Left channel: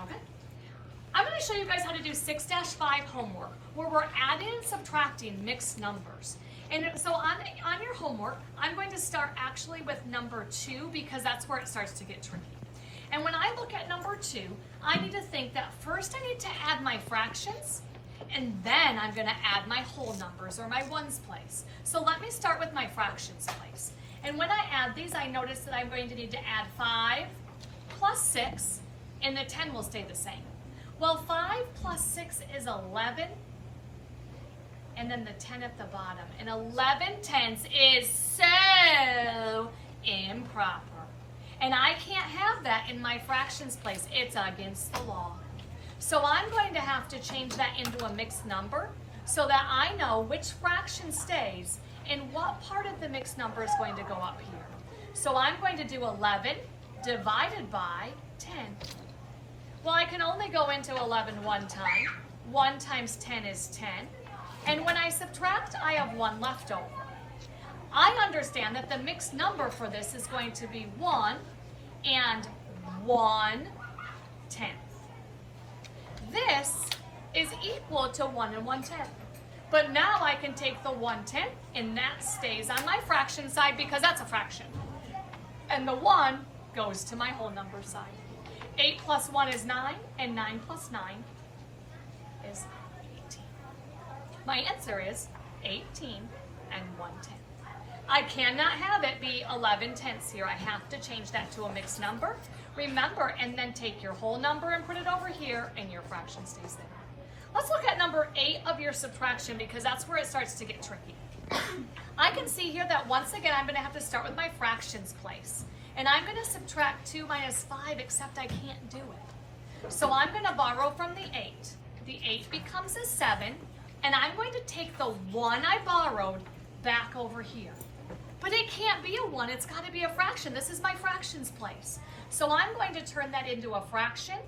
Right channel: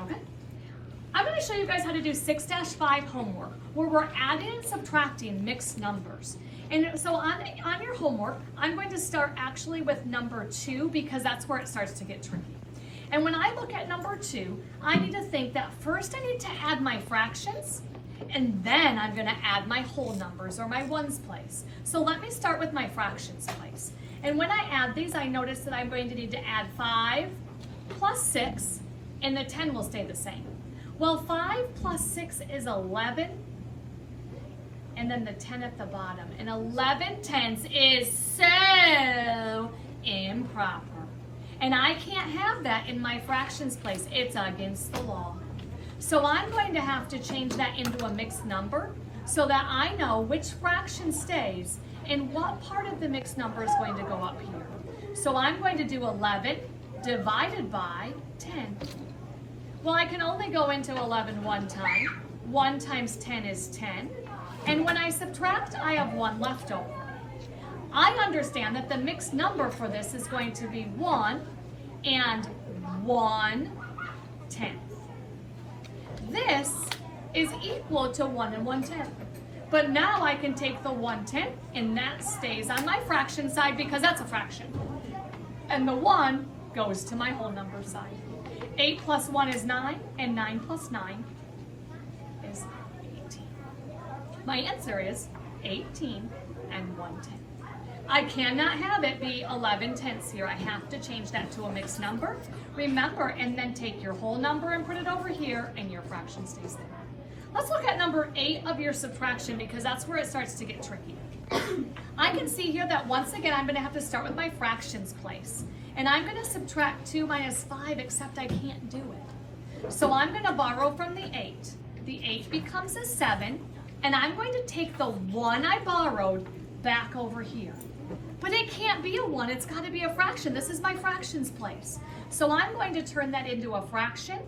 Okay. I'm going to show you guys how to do 6-5 homework, where we're adding and subtracting mixed numbers. And so on your homework, I'm going to start actually with number 2 because that's where it starts to get tricky. And when I look at number 2, I need to think that first I need to add my fractions, and then I'm going to add my whole numbers or my ones place. So let me start with my fractions place. And when I add these, I notice that I'm going to need to add 5 plus 6, and the 10 will stay the same. Well, 5 plus 6 is 11, and then the 10 at the bottom. And 11 tenths is so improper. And I can't have that in my fractions place. It's against the law. So I'm going to have to change that into a mixed number so that I know which fraction stays and what part of the mixed number is going to go up here. So I'm going to do 11 divided by 10. Well, I can only go into 11 one time. 1 times 10 is 10. And when I subtract, I have 1 left over. I understand that the mixed number for this is going to be 1 and 1/10. This is equal to 1 and 1/10. But now I can take the 1/10 and that stays on my fraction side because that's a fraction. And the 1 goes to my whole number side. 8 plus 1 is 9, and 9 plus 9 is 18. My answer is 18 and 1/10. I cannot have it be 11 tenths here. I have to change that to a mixed number. Remember, and then take your whole number and put it over here, and your fraction stays there. Let's look at number 8 of your subtraction because that's where it starts to get tricky. I can see here that once again, I'm going to have to start with my fractions place. And I'm going to subtract 2 minus 5, except I can't do it. So I'm going to borrow from the 8. The 8 becomes a 7, and I'm going to take the 1 I borrowed back over here. But it can't be a 1, it's got to be a fraction. This is my fractions place. So I'm going to turn that into a fraction,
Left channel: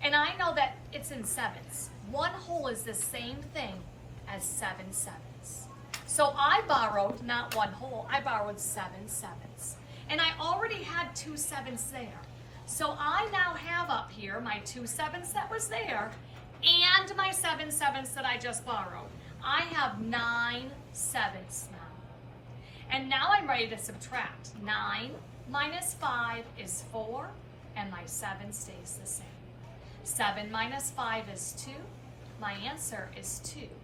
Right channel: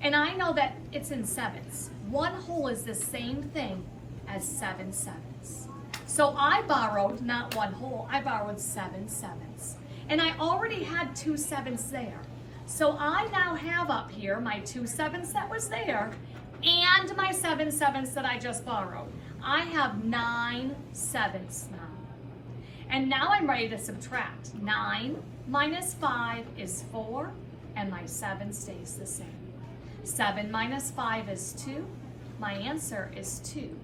and I know that it's in sevenths. 1 whole is the same thing as 7 sevenths. So I borrowed not 1 whole, I borrowed 7 sevenths. And I already had 2 sevenths there. So I now have up here my 2 sevenths that was there and my 7 sevenths that I just borrowed. I have 9 sevenths now. And now I'm ready to subtract. 9 minus 5 is 4, and my 7 stays the same. 7 minus 5 is 2. My answer is 2.